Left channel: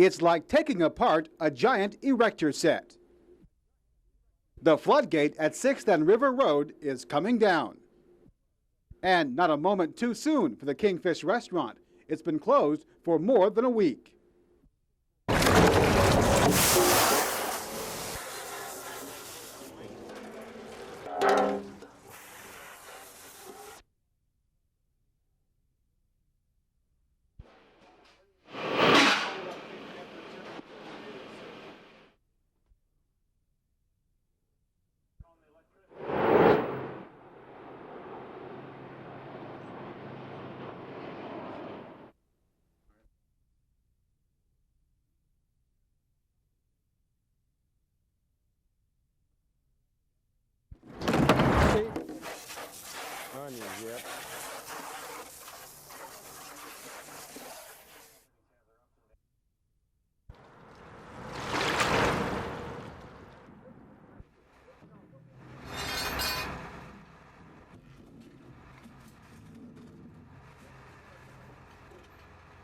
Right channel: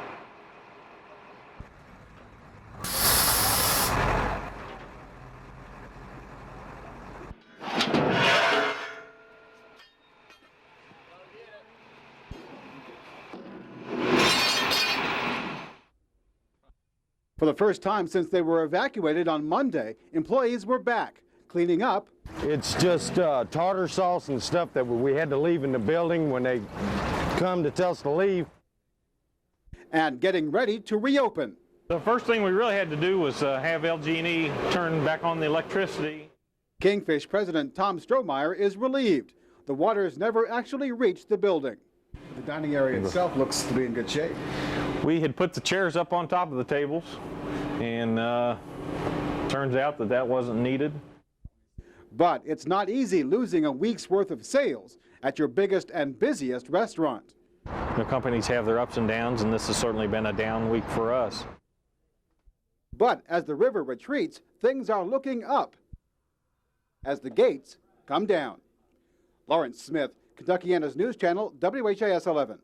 It's like taking apart a giant erector set. The floodgate at 6th and River Road is coming down. And not a moment too soon for the KingFish restaurant. It's been closed for more than a week. For the first time since they were evacuated on Monday, employees were back, cleaning up. It's just tartar sauce and stuff that we had to leave in the building when they come to tell us to leave. And getting ready to reopen. The first thing we really had to do was have LG&E turn back on the electricity. KingFish President Tom Strohmeyer is relieved. The waters never actually reached the building. The dining area itself looks to be in good shape. We had put the chairs up on top of the tables, and turns out that wasn't needed. But it's not easy losing a week's worth of sales at your biggest and busiest restaurant. The companies have their ups and downs, and this has certainly been a down week for us. But as the river retreats, things are looking up as the gates come down. Lawrence Smith, Kentuckiana's News Channel, WHAS 11.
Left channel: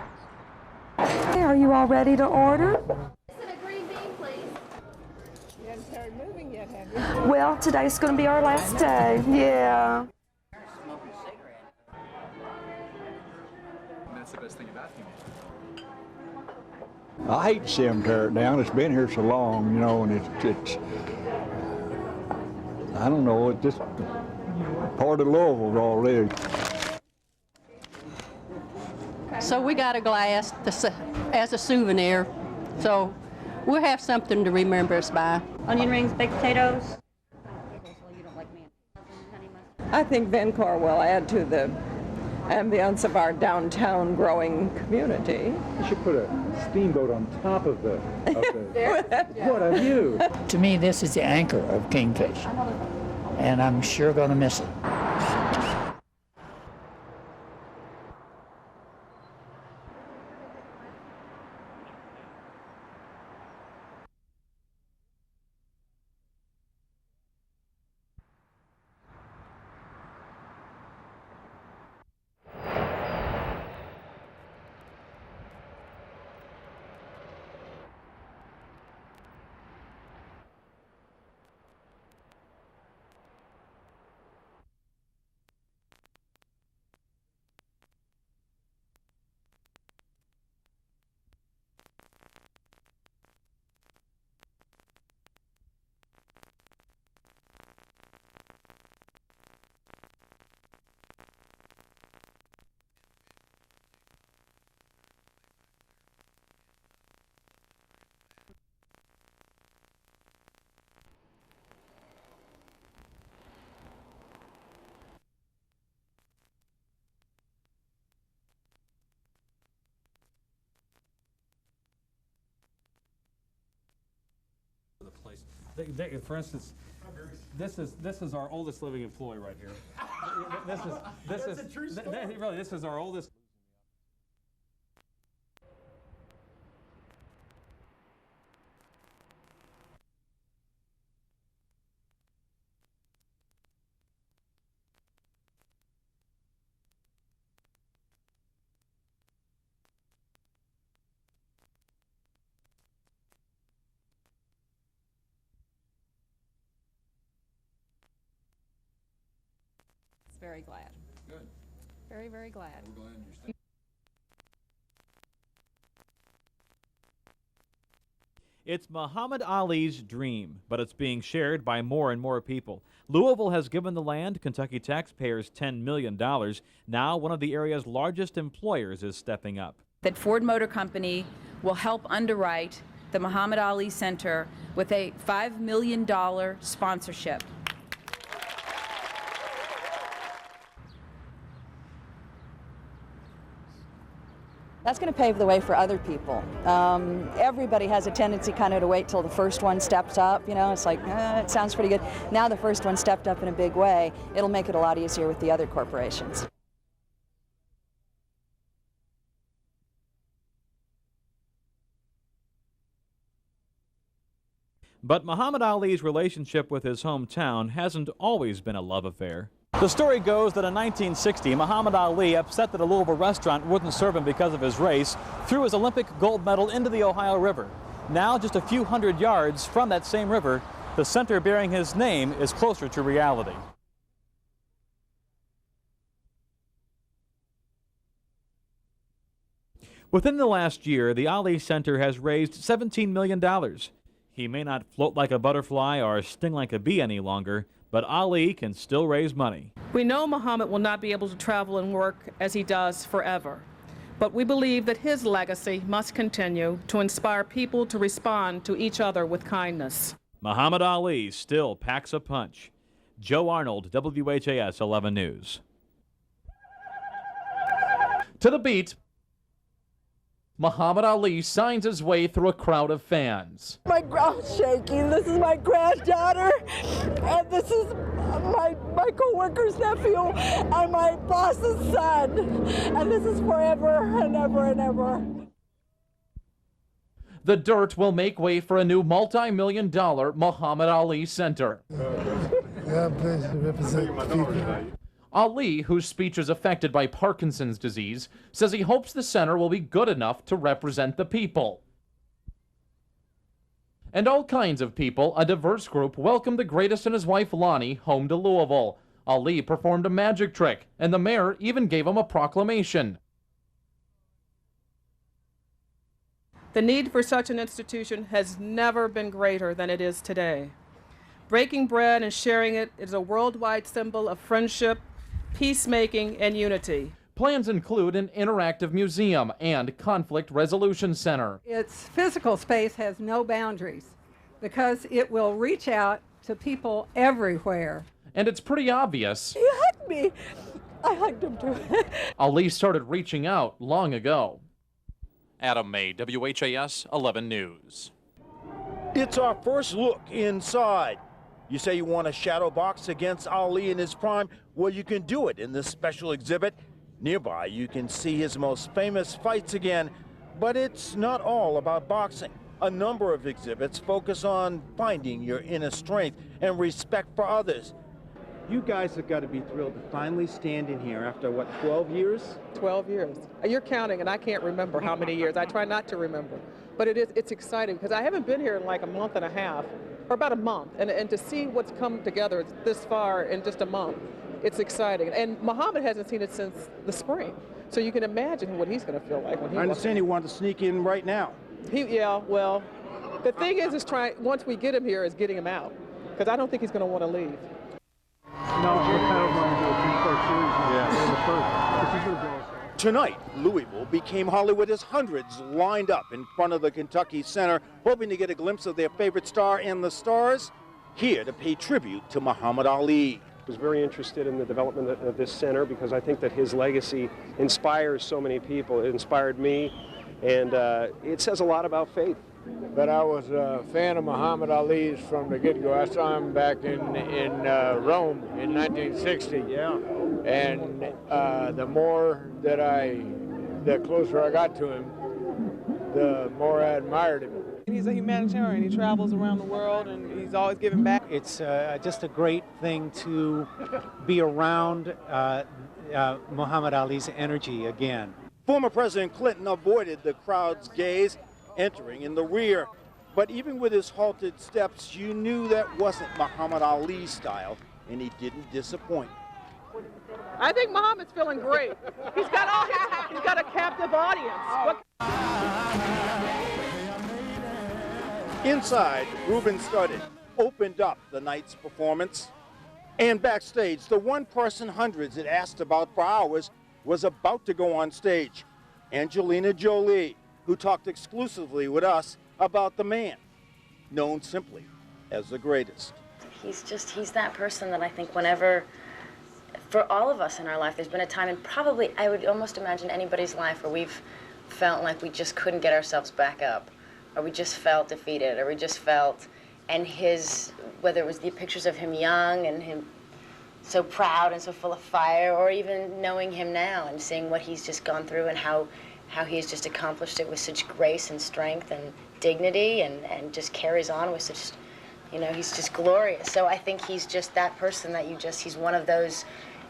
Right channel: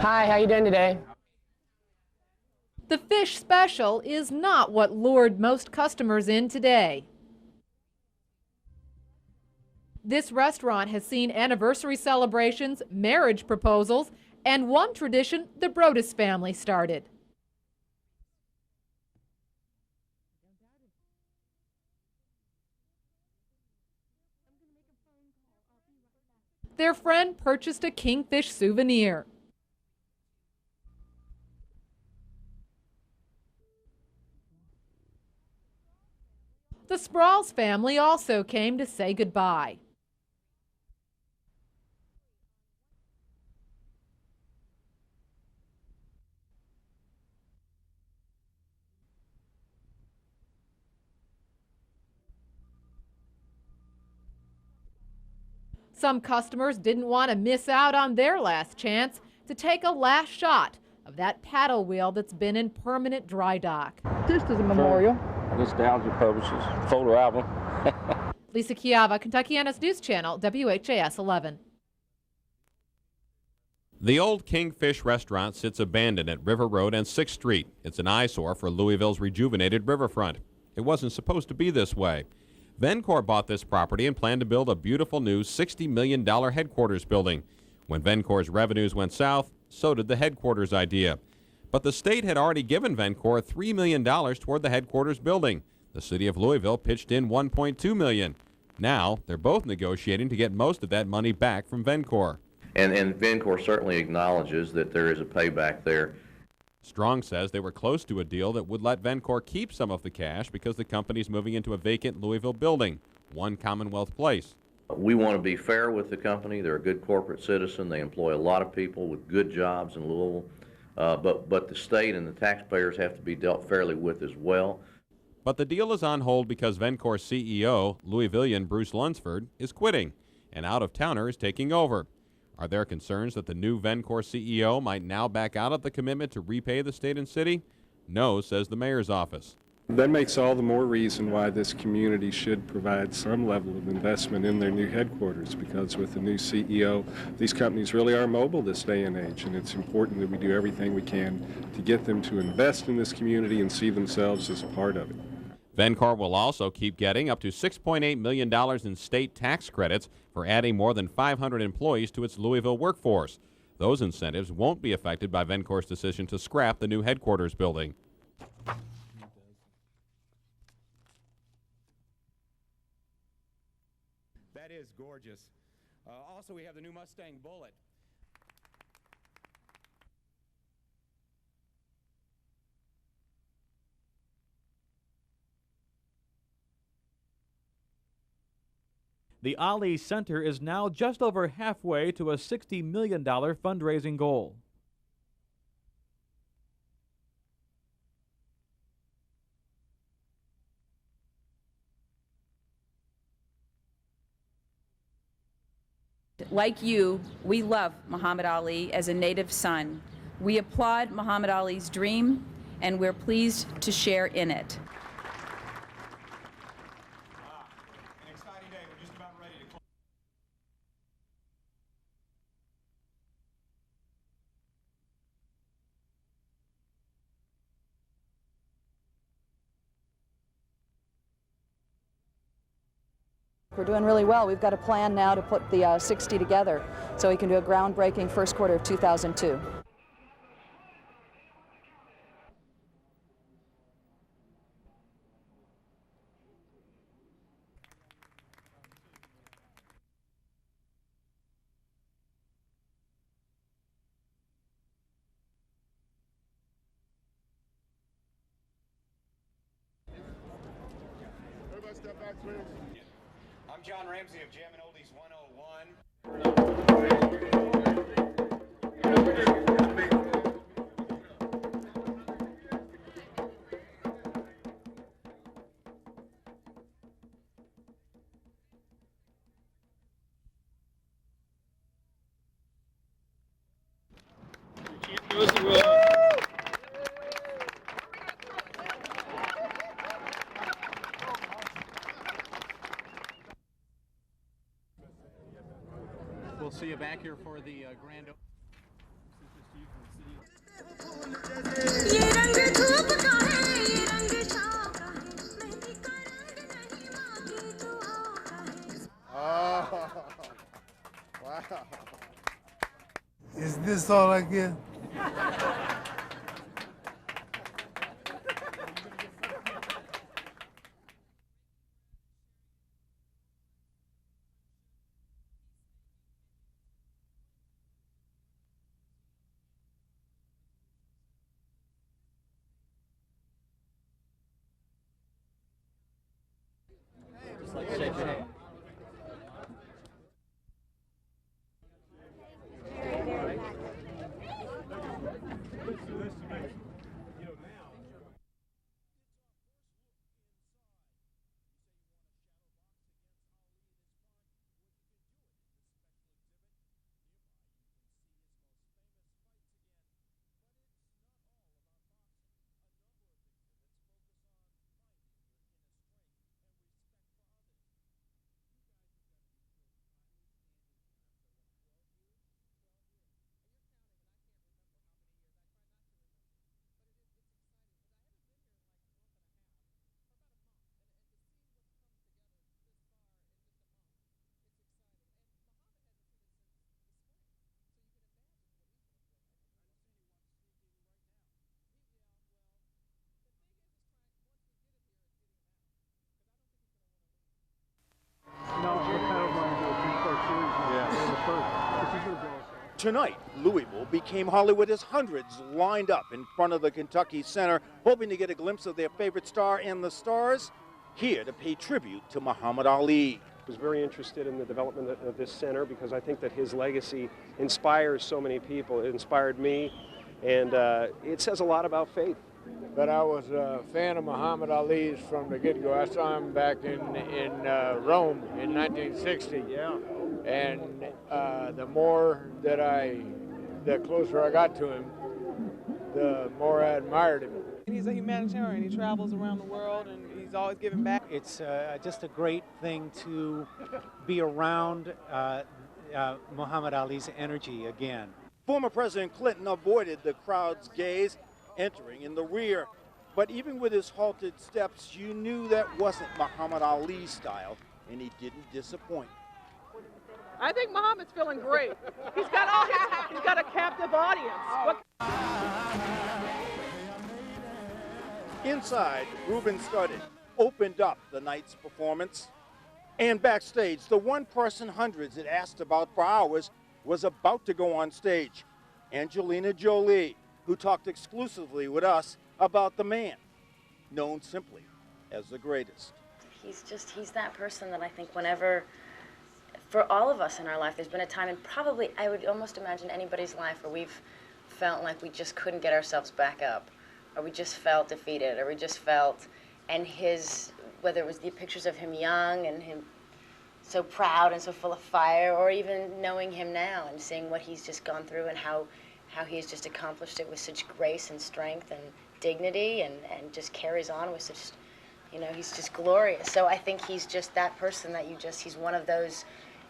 Hi, how you doing today? Hey, are you all ready to order? The fish special is not what lured most customers in today. Well, today's going to be our last day, yeah. This restaurant has seen anniversary celebrations, marriage proposals, and one tradition the Brodus family started. I hate to see them tear it down. It's been here so long, you know, and it's I don't know, it's just part of Louisville already. Their friend purchased a KingFish souvenir. So we got a glass as a souvenir, so we'll have something to remember us by. Onion rings, baked potatoes. The Sprouls family also came to say goodbye. I think Vencor will add to the ambience of our downtown growing community. You should put a steamboat on top of the What a view! To me, this is the anchor of KingFish, and I'm sure going to miss it. Some customers didn't want to miss out on their last chance to take a last shot of that paddle wheel that's been in permanent dry dock. Just as a memorial. Nostalgia purposes, photo album. Lisa Chiava, Kentuckiana's News Channel, WHAS 11. The old KingFish restaurant sits abandoned at River Road and 6th Street. It's an eyesore for Louisville's rejuvenated riverfront. It wasn't supposed to be this way. Vencor bought this property and planned to build a beautiful new $60 million headquarters building. When Vencor's revenues went south, so did the headquarters idea. But the state had already given Vencor $3 million toward the headquarters building. The city of Louisville pitched in $1.2 million. Now, they're both negotiating to get most of that money back from Vencor. And Vencor certainly acknowledges that there is a payback there. Strong says they were close to a deal that would let Vencor keep some of the cash because the company's moving into a vacant Louisville building, One Commonwealth Place. We want to be fair with the company. They're a good corporate citizen. They employ a lot of people with good jobs in Louisville. But the state and the taxpayers have to be dealt fairly with as well. But the deal is on hold because Vencor's CEO, Louisvillian Bruce Lunsford, is quitting. An out-of-towner is taking over. Are there concerns that the new Vencor CEO might now back out of the commitment to repay the state and city? No, says the mayor's office. That makes all the more reason why this community should provide some level of investment in their new headquarters, because with the new CEO, these companies really are mobile this day and age, and it's important that we do everything we can to get them to invest in this community and see themselves as a part of it. Vencor will also keep getting up to $6.8 million in state tax credits for adding more than 500 employees to its Louisville workforce. Those incentives won't be affected by Vencor's decision to scrap the new headquarters building. It's Muhammad Ali's dream, but it's being shared by more and more people. Louisville has given the land, Kentucky taxpayers, $10 million. Now one of the area's largest employers is stepping up. That Ford Motor Company will help underwrite the Muhammad Ali Center with a $5 million sponsorship. The Ali Center is now just over halfway to a $60 million fundraising goal. That's going to pave the way for other people. Everybody has a tendency kind of to wait till the first one steps up. You know, it's like, it sounds pretty good. Now the first one stepped up in a big way. It'll make it a lot easier with the other corporations. Like you, we love Muhammad Ali as a native son. We applaud Muhammad Ali's dream, and we're pleased to share in it. But Muhammad Ali's relationship with his hometown hasn't always been a love affair. The story goes that in 1960, Muhammad Ali, upset that a Louisville restaurant wouldn't serve him because of his race, threw his Olympic gold medal into the Ohio River. Now, just a few hundred yards from that same river, the center bearing his name is closer to reality. We're doing really well. We've got a plan now to put the 60 together so we can do a groundbreaking first quarter of 2002. Within the last year, the Ali Center has raised $17 million. He may not float like a butterfly or sting like a bee any longer, but Ali can still raise money. We know Muhammad will not be able to travel and work as he does forever, but we believe that his legacy must continue to inspire people to respond to each other with kindness. Muhammad Ali still packs a punch. Joe Arnold, WHAS 11 News. To the beat, Muhammad Ali signs his way through a crowd of fans. My ground's shaking. This is my granddaughter, and this is my co-worker's nephew, and my boss's son. And this is forever and ever and ever. The dirt will make way for a new multi-million-dollar Muhammad Ali Center. God bless you, represent people. Ali, whose speech is affected by Parkinson's disease, says he hopes the center will be good enough to represent the people. And all kinds of people, a diverse group, welcomed the greatest and his wife Lonnie home to Louisville. Ali performed a magic trick, and the mayor even gave him a proclamation. Is this all I get? The need for such an institution has never been greater than it is today. Breaking bread and sharing it is a worldwide symbol of friendship, peacemaking, and unity. Plans include an interactive museum and conflict resolution center. Its physical space has no boundaries because it will reach out to people everywhere. And it's pretty obvious. He hugged me. I hugged him too. Ali started reaching out long ago. Adam May, WHAS 11 News. It's our first look inside. You say you want a shadow box against Ali in his prime? Well, you can do it in this special exhibit. Nearby, you can see his most famous fights again, but it's not all about boxing. A number of exhibits focus on finding your inner strength and respect for others. You guys have got to be thrilled to finally stand in here after, what, 12 years? 12 years. You're counting, and I can't remember how many years. I try not to remember. But it's exciting because I haven't been here in like a month and a half, or about a month, and to see what's come together this far in just a month, it's exciting. And Muhammad hasn't seen it since the spring, so you can imagine what he's going to feel like when he. I understand he wanted to sneak in right now. Yeah, well, the thing is once we get him here, is getting him out, because I don't think he's going to want to leave. Tonight, Louisville became Hollywood as hundreds lined up in front of the Kentucky Center, hoping to get a glimpse of their favorite star and the stars, here to pay tribute to Muhammad Ali. I was very interested in the development of this center because I think that his legacy inspires so many people. It inspired me, and it says a lot about faith. But I was a fan of Muhammad Ali's from the get-go. I saw him back in Rome in 1960. Yeah. And the closer I got to him, the more I admired him. He's a humanitarian. He travels around the world, and he's always giving back. It's just a great thing to be around Muhammad Ali's energy again. Former President Clinton avoided the crowd's gaze, entering in the rear. But even with his halted steps, you knew that wasn't Muhammad Ali's style, and he didn't disappoint. I think Muhammad's feeling great. He's got a captive audience. Inside, Ruben Studdard opened up the night's performance. And backstage, the one person hundreds had asked about for hours was about to go on stage. Angelina Jolie, who talked exclusively with us about the man, known simply as the greatest. He's that person that I think whenever, for all of us in our life, there's been a time, and probably I would almost imagine anybody's life, where we've felt like we just couldn't get ourselves back up, or we just felt defeated, or we just felt, and whether it was the pictures of him young and him so proud and so full of fire, or even knowing him now and seeing what he's just gone through and how he's just accomplished it with such grace and strength and dignity, and just carries on with such, You know, he's just glorious. So I think he's just that person that he's one of those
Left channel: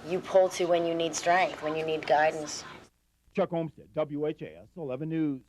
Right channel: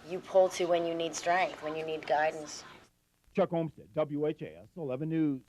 you pull to when you need strength, when you need guidance. Chuck Olmstead, WHAS 11 News.